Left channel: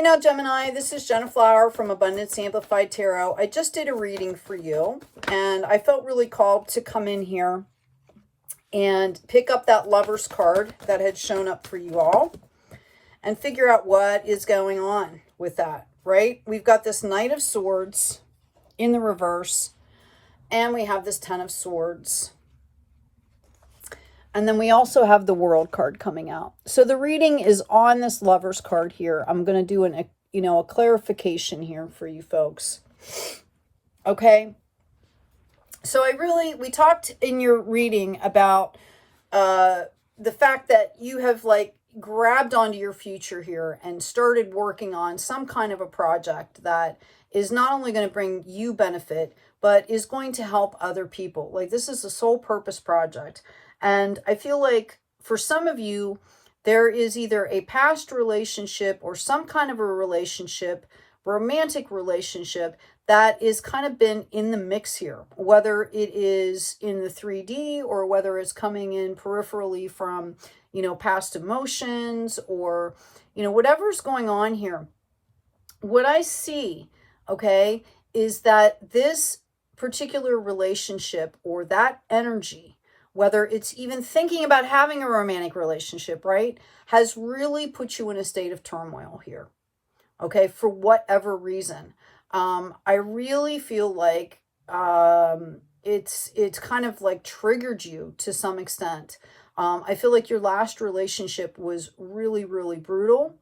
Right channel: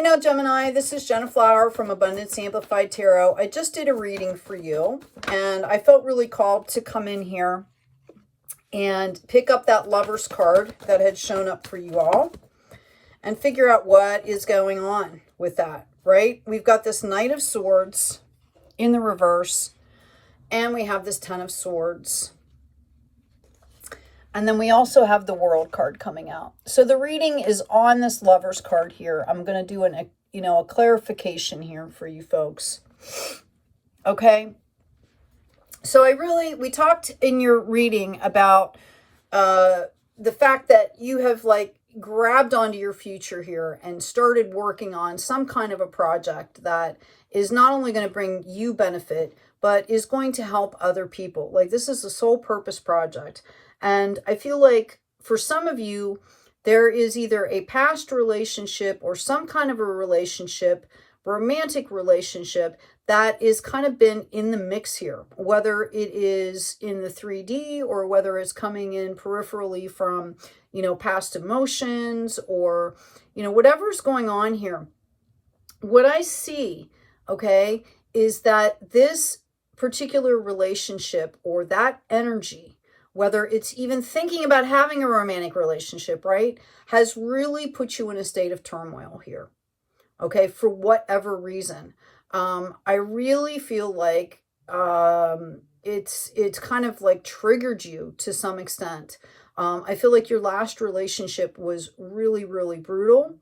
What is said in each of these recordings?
Hey now, Gemini, this is Jenna Flower from Abundance Amplified Tarot. I just did a reading for you, and I felt really called to come in here and pick up that Lover's card that had shown up for you all and figure out what is going on with that, right? We've got this Knight of Swords in the reverse, and we have this Ten of Swords. And then we also have the World card coming out. So the reading is on this Lover's card here. I'm going to do a clarification here for you folks. Okay. So we talked in your reading about the fact that you have grabbed onto your future here and started working on some kind of a project that is not only going to bring you benefit, but is going to help other people. Like, this is a sole purpose project. And I feel like for some of you, there is either a past relationship or some kind of a relationship, romantic relationship, that is kind of been in the mix here, whether it is in the 3D or whether it's coming in peripherally from, past emotions or, whatever's going on here. What I see, okay, is that this particular relationship or that energy, whether it's even thinking about having a romantic relationship, right, has really put you in a state of turmoil here, okay, for whatever reason. I really feel like it's kind of like triggered you to some extent. I feel like your last relationship was really, really brutal.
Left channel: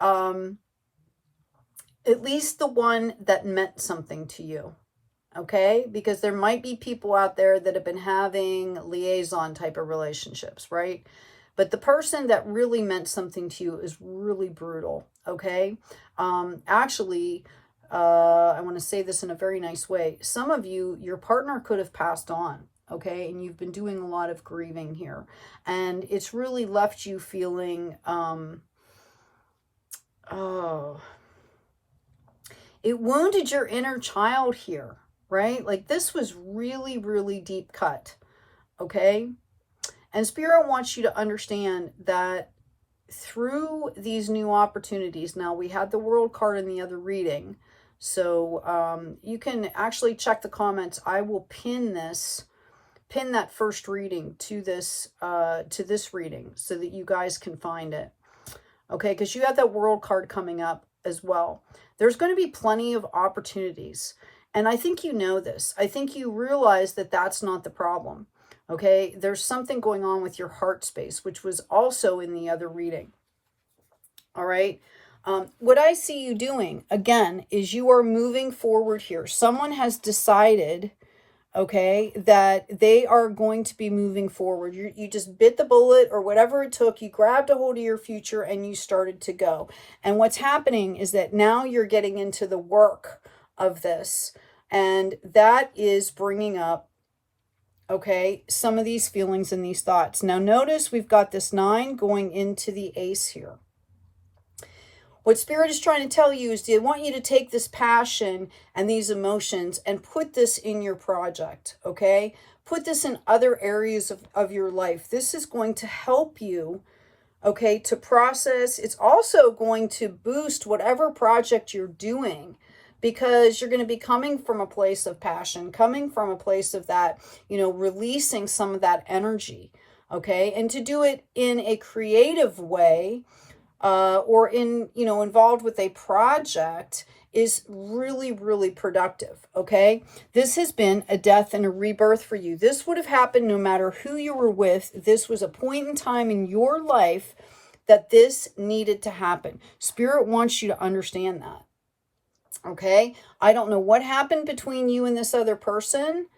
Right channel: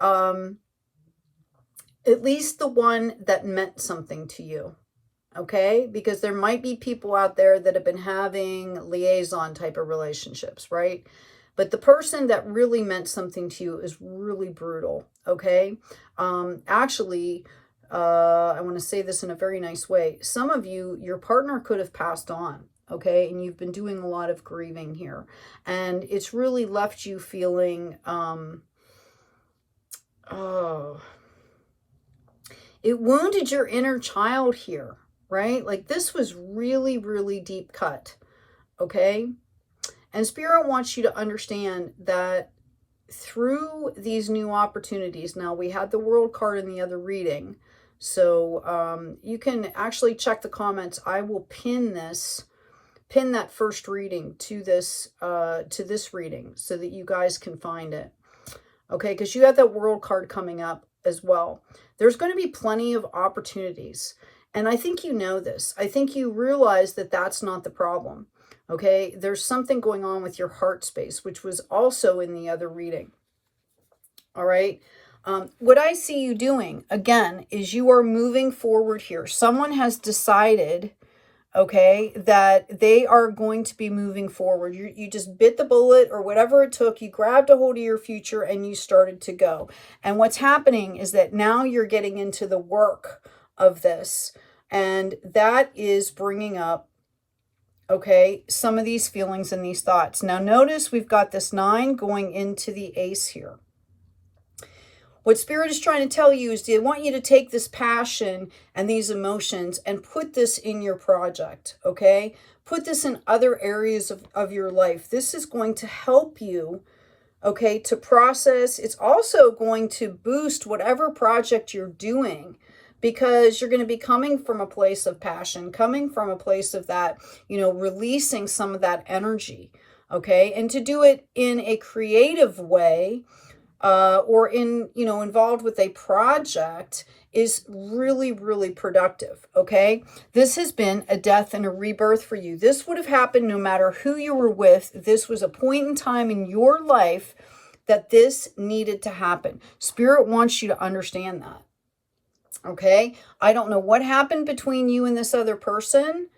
At least the one that meant something to you. Okay, because there might be people out there that have been having liaison type of relationships, right? But the person that really meant something to you is really brutal. Okay, actually, I want to say this in a very nice way. Some of you, your partner could have passed on. Okay, and you've been doing a lot of grieving here, and it's really left you feeling, it wounded your inner child here. Right? Like, this was really, really deep cut. Okay. And Spirit wants you to understand that through these new opportunities, now we had the World card in the other reading. So you can actually check the comments. I will pin that first reading to this reading so that you guys can find it. Okay. Because you have that World card coming up as well. There's going to be plenty of opportunities. And I think you know this. I think you realize that that's not the problem. Okay. There's something going on with your heart space, which was also in the other reading. All right. What I see you doing, again, is you are moving forward here. Someone has decided, okay, that they are going to be moving forward. You just bit the bullet or whatever it took. You grabbed a hold of your future and you started to go. And what's happening is that now you're getting into the work of this, and that is bringing up, okay, some of these feelings and these thoughts. Now notice we've got this 9 going into the Ace here. What Spirit is trying to tell you is they want you to take this passion and these emotions and put this in your project, okay? Put this in other areas of your life. This is going to help you, okay, to process. It's also going to boost whatever project you're doing, because you're going to be coming from a place of passion, coming from a place of that, releasing some of that energy, okay? And to do it in a creative way or involved with a project is really, really productive, okay? This has been a death and a rebirth for you. This would have happened no matter who you were with. This was a point in time in your life that this needed to happen. Spirit wants you to understand that. Okay, I don't know what happened between you and this other person,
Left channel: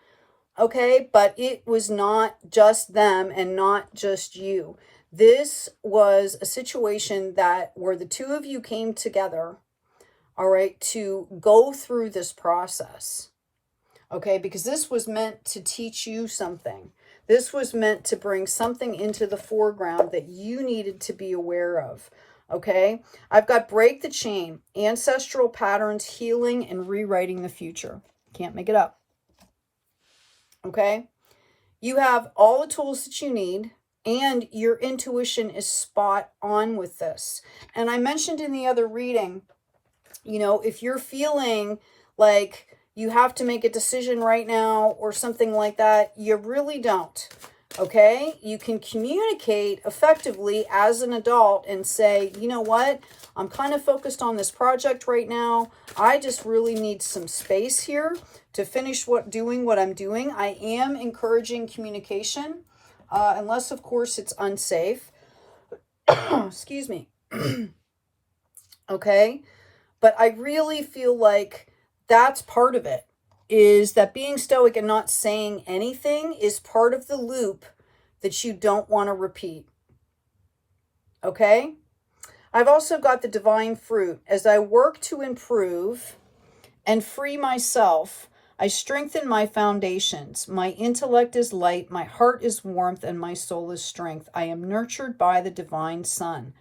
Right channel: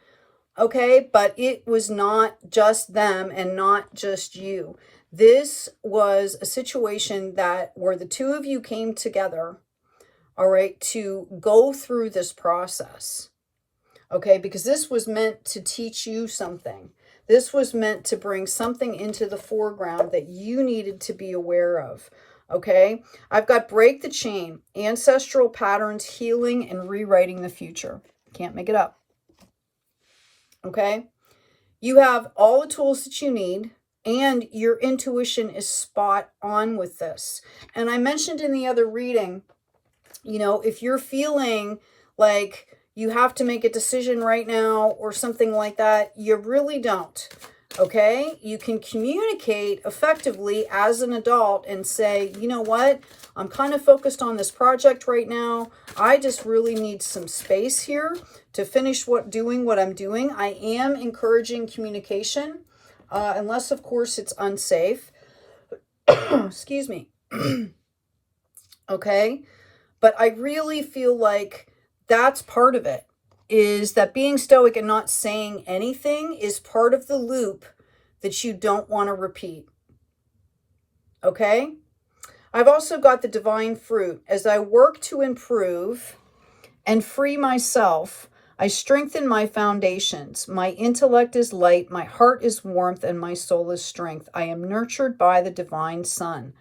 okay, but it was not just them and not just you. This was a situation where the two of you came together, all right, to go through this process, okay, because this was meant to teach you something. This was meant to bring something into the foreground that you needed to be aware of. Okay, I've got break the chain, ancestral patterns, healing, and rewriting the future. Can't make it up. Okay, you have all the tools that you need, and your intuition is spot on with this. And I mentioned in the other reading You know, if you're feeling like you have to make a decision right now or something like that, you really don't. Okay? You can communicate effectively as an adult and say, you know what? I'm kind of focused on this project right now. I just really need some space here to finish doing what I'm doing. I am encouraging communication, unless, of course, it's unsafe. Excuse me. Okay? But I really feel like that's part of it, is that being stoic and not saying anything is part of the loop that you don't want to repeat. Okay? I've also got the divine fruit. As I work to improve and free myself, I strengthen my foundations. My intellect is light, my heart is warmth, and my soul is strength. I am nurtured by the divine sun.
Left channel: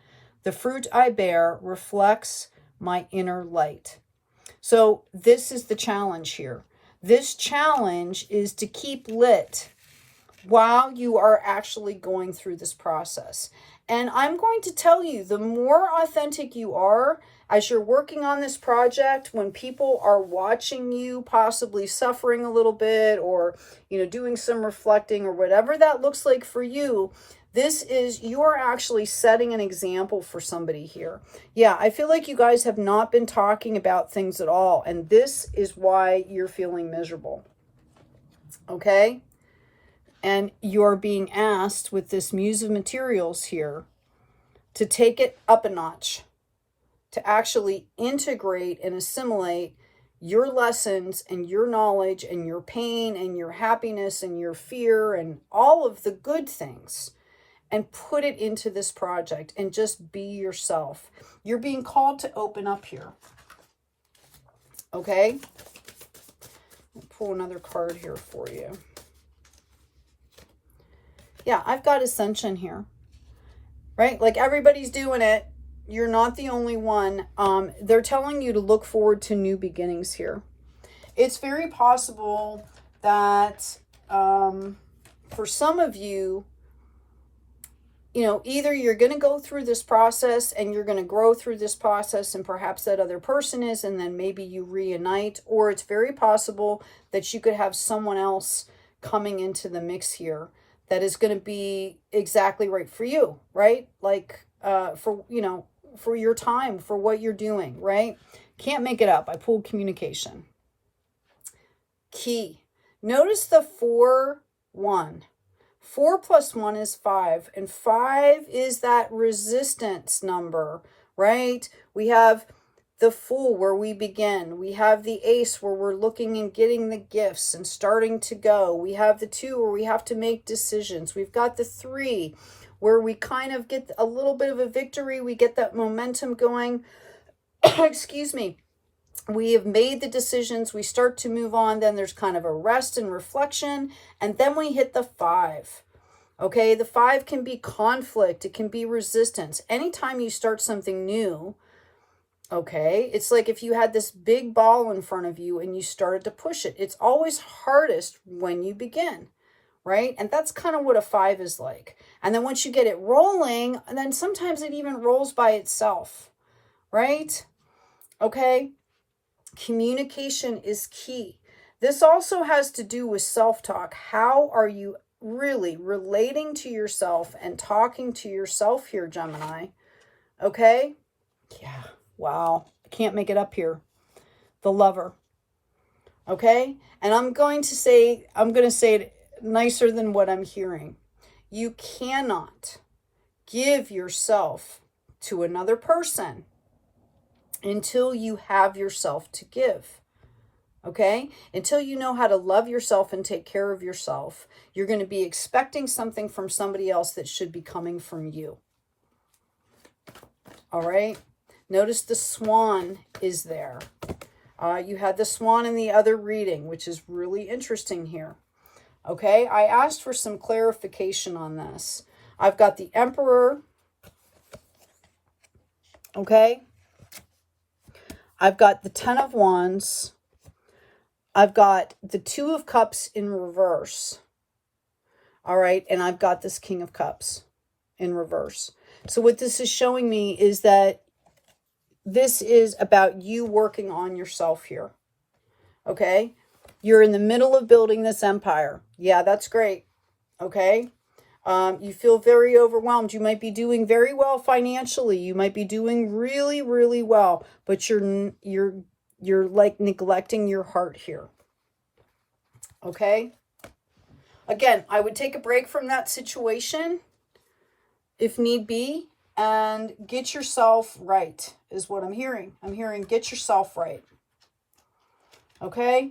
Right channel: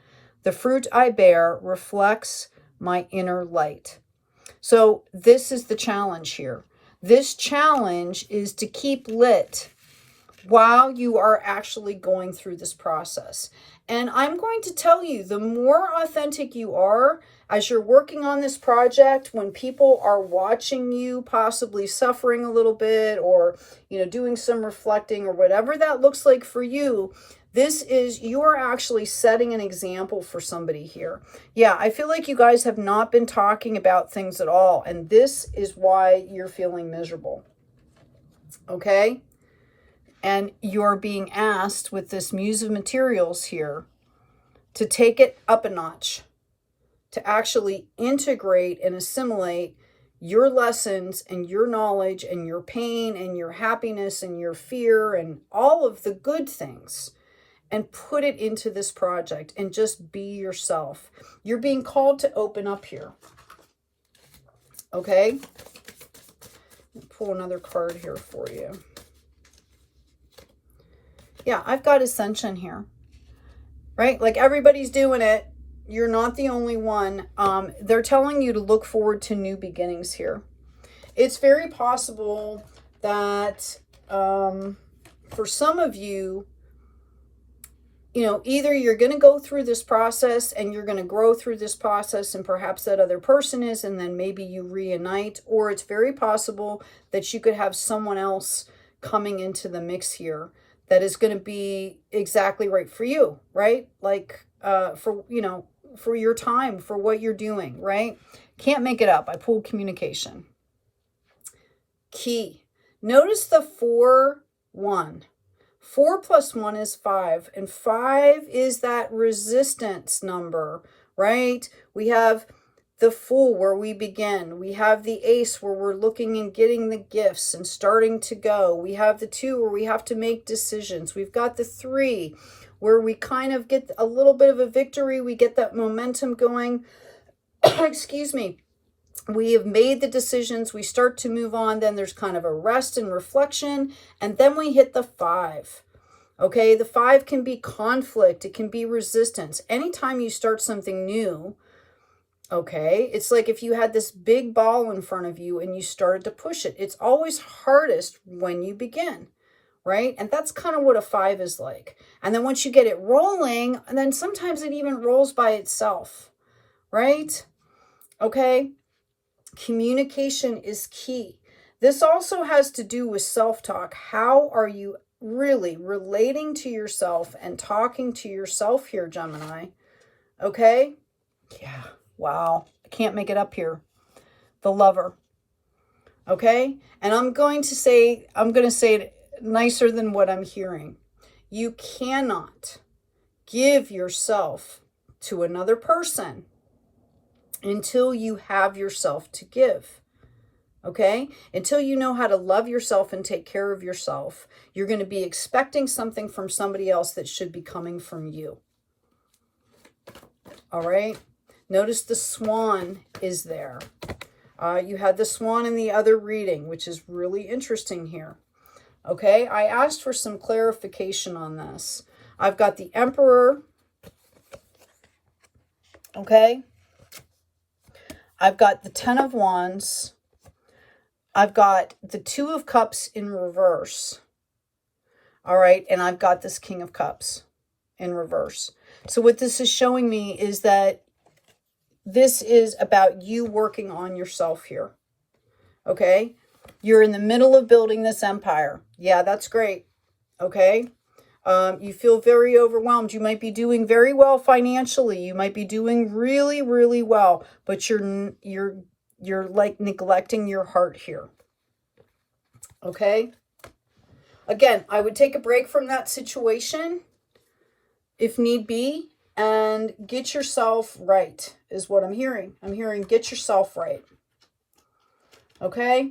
The fruit I bear reflects my inner light. So this is the challenge here. This challenge is to keep lit while you are actually going through this process. And I'm going to tell you, the more authentic you are as you're working on this project, when people are watching you possibly suffering a little bit, or, you know, doing some reflecting or whatever that looks like for you, you're actually setting an example for somebody here. Yeah, I feel like you guys have not been talking about things at all, and this is why you're feeling miserable. Okay? And you're being asked with this Muse of Materials here to take it up a notch, to actually integrate and assimilate your lessons and your knowledge and your pain and your happiness and your fear and all of the good things, and put it into this project and just be yourself. You're being called to open up here. Okay? I'll pull another card here for you. Yeah, I've got Ascension here, right? Like, everybody's doing it. You're not the only one. They're telling you to look forward to new beginnings here. It's very possible that for some of you, you know, either you're going to go through this process and you're going to grow through this process, and perhaps that other person is, and then maybe you reunite, or it's very possible that you could have someone else coming into the mix here that is going to be exactly right for you, right? Like, for, you know, for your time, for what you're doing, right? Can't make it up. I pulled communication. Key. Notice the 4-1. 4 plus 1 is 5, and 5 is that resistance number, right? We have the Fool where we begin. We have the Ace where we're looking and getting the gifts and starting to go. We have the 2 where we have to make decisions. We've got the 3 where we kind of get a little bit of a victory. We get that momentum going. Excuse me. We have made the decisions. We start to move on. Then there's kind of a rest and reflection. And then we hit the 5. Okay, the 5 can be conflict. It can be resistance. Anytime you start something new, okay, it's like if you had this big ball in front of you and you started to push it. It's always hardest when you begin, right? And that's kind of what a 5 is like. And then once you get it rolling, and then sometimes it even rolls by itself, right? Okay, communication is key. This also has to do with self-talk. How are you really relating to yourself and talking to yourself here, Gemini? Okay? Yeah. Wow. I can't make it up here. The Lover. Okay? And I'm going to say it nicer than what I'm hearing. You cannot give yourself to another person until you have yourself to give. Okay? Until you know how to love yourself and take care of yourself, you're going to be expecting something from somebody else that should be coming from you. All right? Notice the Swan is there. You had the Swan in the other reading, which is really interesting here. Okay? I asked for some clarification on this. I've got the Emperor. Okay? I've got the 10 of Wands. I've got the 2 of Cups in reverse. All right. And I've got this King of Cups in reverse. So what this is showing me is that this is about you working on yourself here. Okay? You're in the middle of building this empire. Yeah, that's great. Okay? You feel very overwhelmed. You might be doing very well financially. You might be doing really, really well, but you're like neglecting your heart here. Okay? Again, I would take a break from that situation if need be and get yourself right is what I'm hearing. I'm hearing get yourself right. Okay?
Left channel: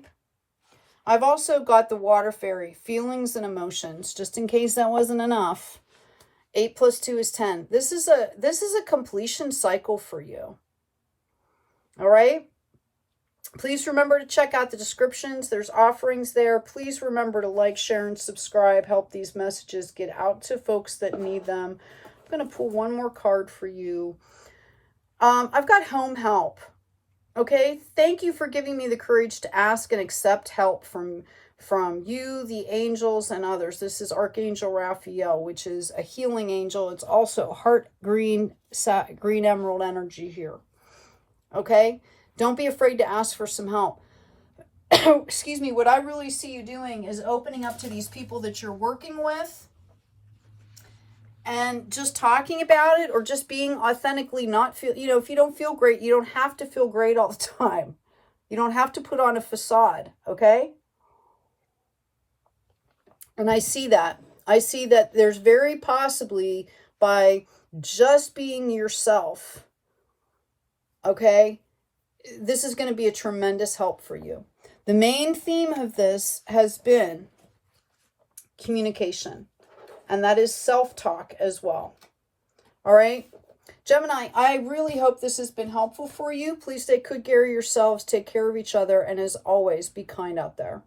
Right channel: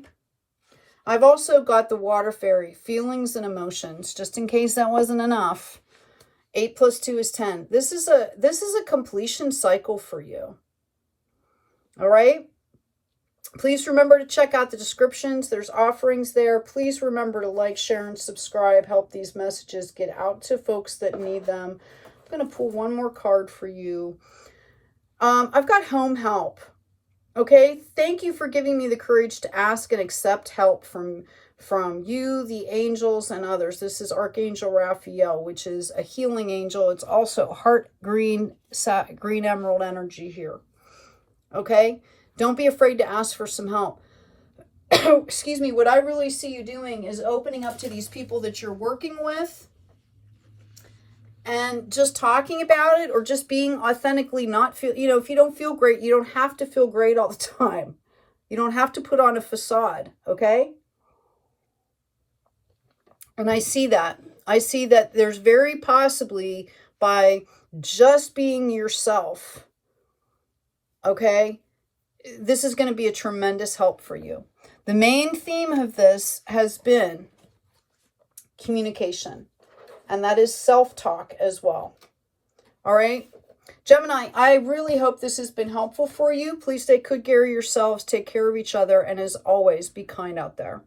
I've also got the water fairy, feelings and emotions, just in case that wasn't enough. 8 plus 2 is 10. This is a completion cycle for you. All right? Please remember to check out the descriptions. There's offerings there. Please remember to like, share, and subscribe. Help these messages get out to folks that need them. I'm going to pull one more card for you. I've got home help. Okay, thank you for giving me the courage to ask and accept help from you, the angels, and others. This is Archangel Raphael, which is a healing angel. It's also heart green, green emerald energy here. Okay, don't be afraid to ask for some help. Excuse me, what I really see you doing is opening up to these people that you're working with and just talking about it, or just being authentically not feel, you know, if you don't feel great, you don't have to feel great all the time. You don't have to put on a facade, okay? And I see that. I see that there's very possibly, by just being yourself, okay, this is going to be a tremendous help for you. The main theme of this has been communication. And that is self-talk as well. All right. Gemini, I really hope this has been helpful for you. Please take good care of yourselves. Take care of each other. And as always, be kind out there.